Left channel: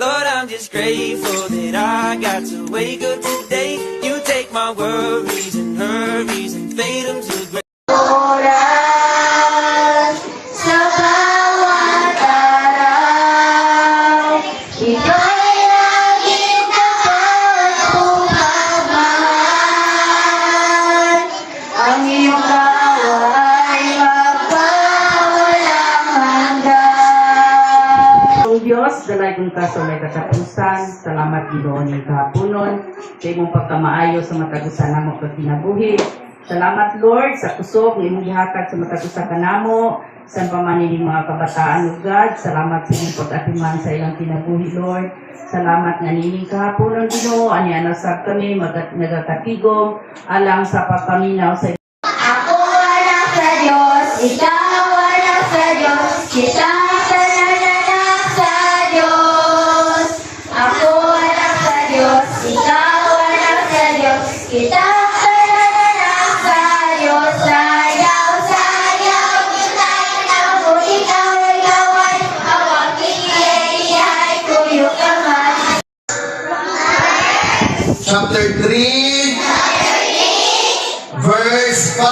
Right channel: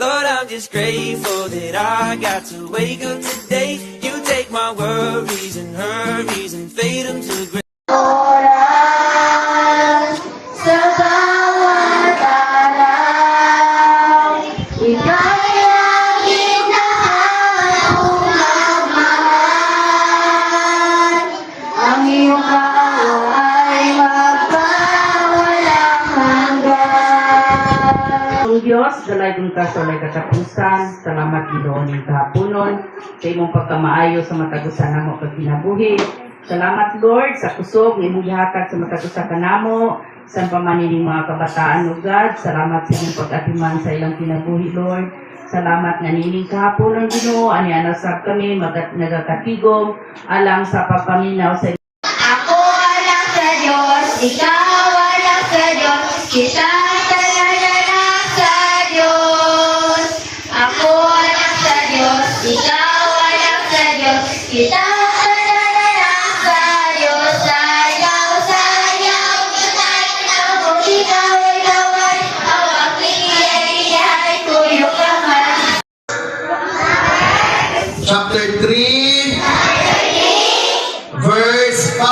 Lord, I'm just grateful that I got to wake up today. You take my worries and hurries and fade them to gray. Oras sa bawat araw, ika'y laging napapagmamahal. Ang iyong awa ay magpawalang hanggan. Ang Diyos, dalay kong kaso may katapusan, salamat Ginoo ning kahaponon, sa imong pagkamaayo sa matagusan namo pag kinabuhi. Salamat Lord sa kusog nga imong gihatag sa matagusan kanamo, sa pamanining mga kabataan ug God. Salamat sa imong pag-atiman sa ilang kinabuhi Lord. Salamat nga nining kahaponon Ginoo, ani anasab kami nagakatigom alang sa pagpaminaw sa Ako anak sa Diyos, ikaw anak sa Diyos, kita anak sa Diyos. Ako anak sa Diyos, ikaw anak sa Diyos, kita anak sa Diyos. Sayaw, sayaw, kita'y ikaw ay awaking iyay, tuyok ang man. Chapter 3, verse 5.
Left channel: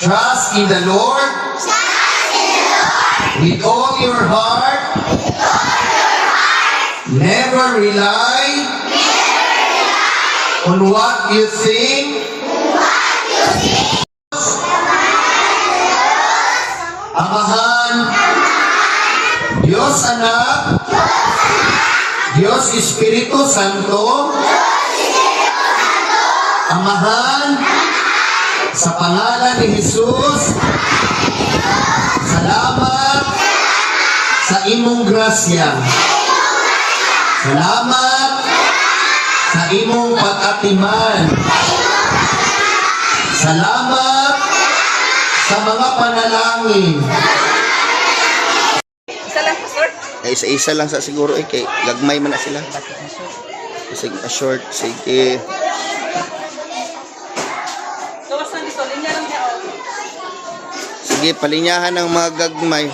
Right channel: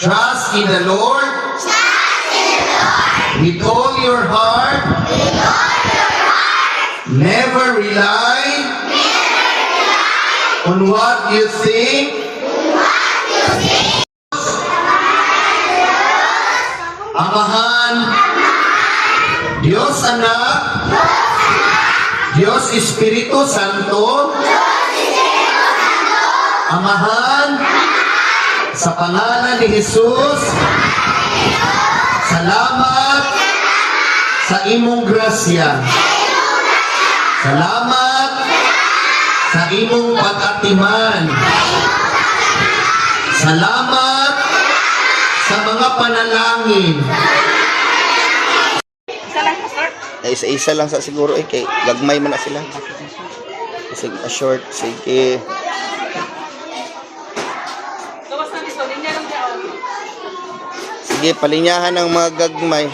Trust in the Lord with all your heart. Never rely on what you think. Amahan, Diyos Anak, Diyos Espiritu Santo, Amahan, sa pangalan ni Jesus, salamat sa imong grasya. Salamat sa imong pag-atiman. Salamat sa mga panalangin. Isa-isa lang sa siguro kay gagmay man na sila. Sige, short, sige. Sige, palinyahan ng mga gagmay.